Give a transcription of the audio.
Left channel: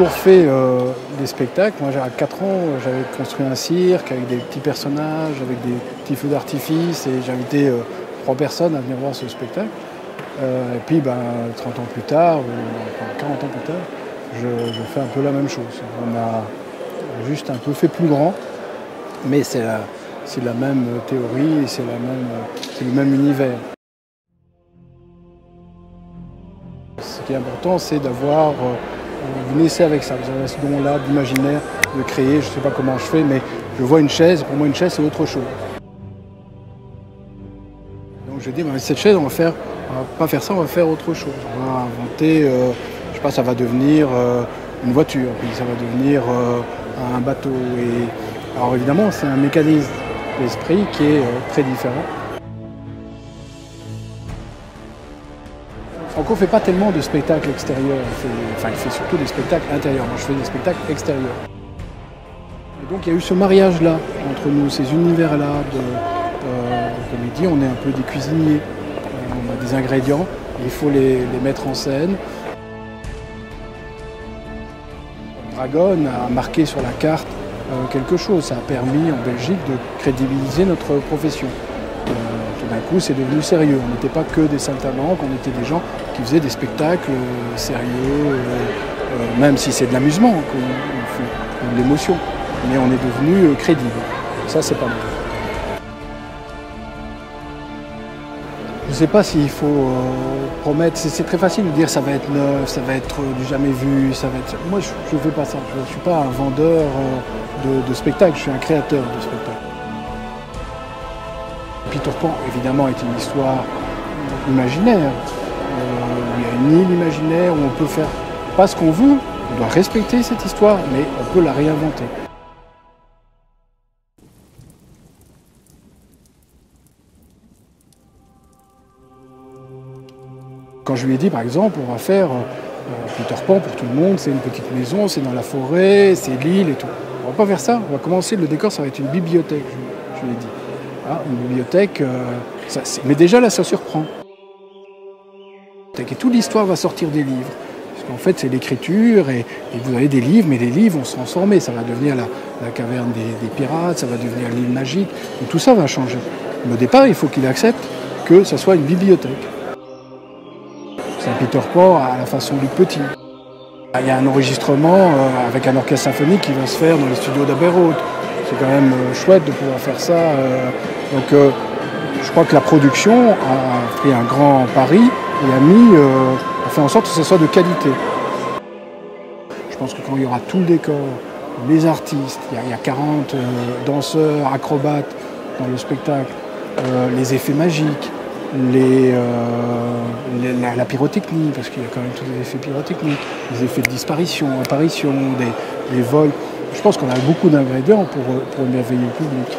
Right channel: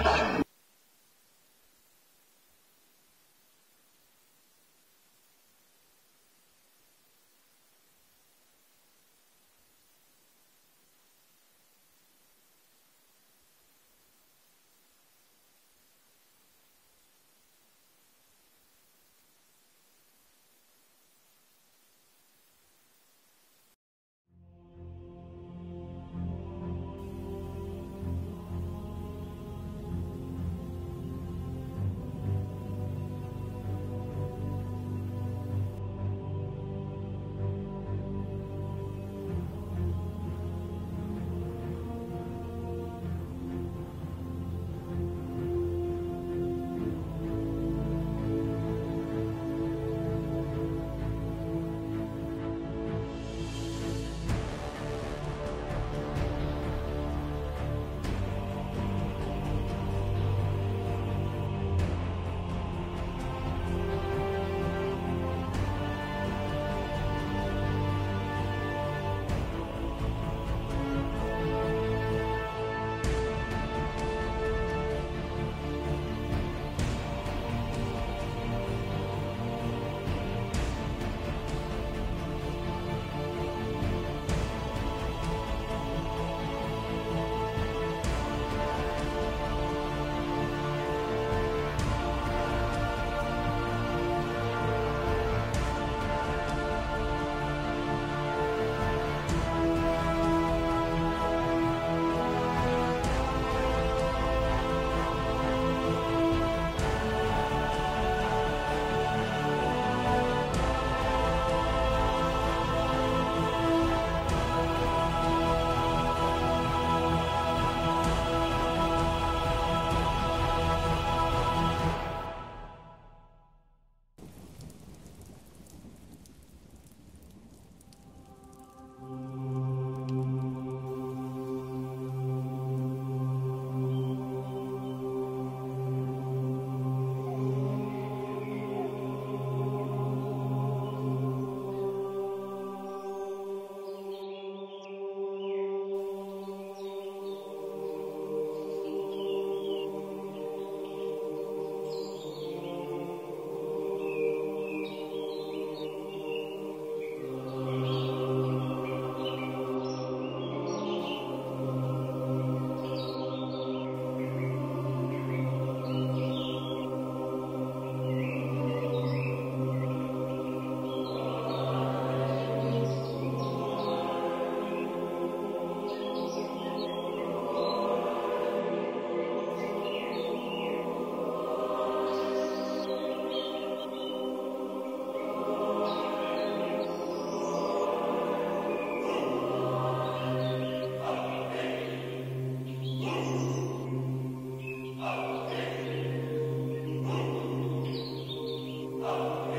toujours fait des spectacles. Moi, à 4 ans, j'avais construit un cirque avec des petits personnages, avec des petits feux d'artifice, et j'ai invité 3 personnes à venir voir ce spectacle. Et puis, 30 ans plus tard, ou 40 ans plus tard, je fais un peu la même chose. On a juste un peu fait plus grand, mais c'est la même théorie, c'est le même univers. Ce qui est important, c'est d'avoir... vous naissez avec ça, vous avez ce don-là d'imaginaire, de créer. Je ne sais pas comment je fais, mais je vois une chaise. Pour moi, une chaise, c'est autre chose. Donc je dis, cette chaise, on va pas faire ça, on va faire autre chose. On va inventer, je sais pas, ça va devenir une voiture, puis ça va devenir un bateau. Alors évidemment, c'est un mécanisme d'esprit qui est très différent. Franco ne fait pas tellement de spectacles extérieurs, il fait surtout des spectacles intérieurs. Moi, je fais des spectacles extérieurs. Et donc il y a eu ce mariage-là entre nous, ces univers-là. Comme il dit, on est un peu des cuisiniers. On a des ingrédients, il faut les mettre en scène. Dragon a marqué sur la carte quelque chose. Ça a permis en Belgique de crédibiliser notre profession. Tout d'un coup, c'est devenu sérieux. On n'était pas que des saltimbanques, on était des gens qui faisaient des spectacles sérieux, même si c'est de l'amusement, de l'émotion. Mais on est devenu crédible. Ça, c'est pas mal. Je ne sais pas s'il faut promettre. C'est très facile de dire ça va être neuf, ça va être du jamais vu. Moi, je ne fais pas ça. Je ne suis pas un vendeur de spectacles, je suis un créateur de spectacles. Peter Pan, évidemment, est une histoire imaginaire. Il y a une île imaginaire où on peut faire pas ce qu'on veut. On doit respecter cette histoire, mais on peut la réinventer. Quand je lui ai dit, par exemple, on va faire Peter Pan pour tout le monde, c'est une petite maison, c'est dans la forêt, c'est l'île et tout. On va pas faire ça, on va commencer, le décor, ça va être une bibliothèque, je lui ai dit. Une bibliothèque, mais déjà là, ça surprend. Et toute l'histoire va sortir des livres. Parce qu'en fait, c'est l'écriture, et vous avez des livres, mais les livres vont se transformer. Ça va devenir la caverne des pirates, ça va devenir l'île magique. Et tout ça va changer. Mais au départ, il faut qu'il accepte que ça soit une bibliothèque. C'est un Peter Pan à la façon du petit. Il y a un enregistrement avec un orchestre symphonique qui va se faire dans les studios d'Abbey Road. C'est quand même chouette de pouvoir faire ça. Donc je crois que la production a pris un grand pari et a fait en sorte que ce soit de qualité. Je pense que quand il y aura tout le décor, les artistes, il y a 40 danseurs, acrobates dans le spectacle, les effets magiques, la pyrotechnie, parce qu'il y a quand même tous les effets pyrotechniques, les effets de disparition, apparition, des vols. Je pense qu'on a beaucoup d'ingrédients pour un merveilleux public.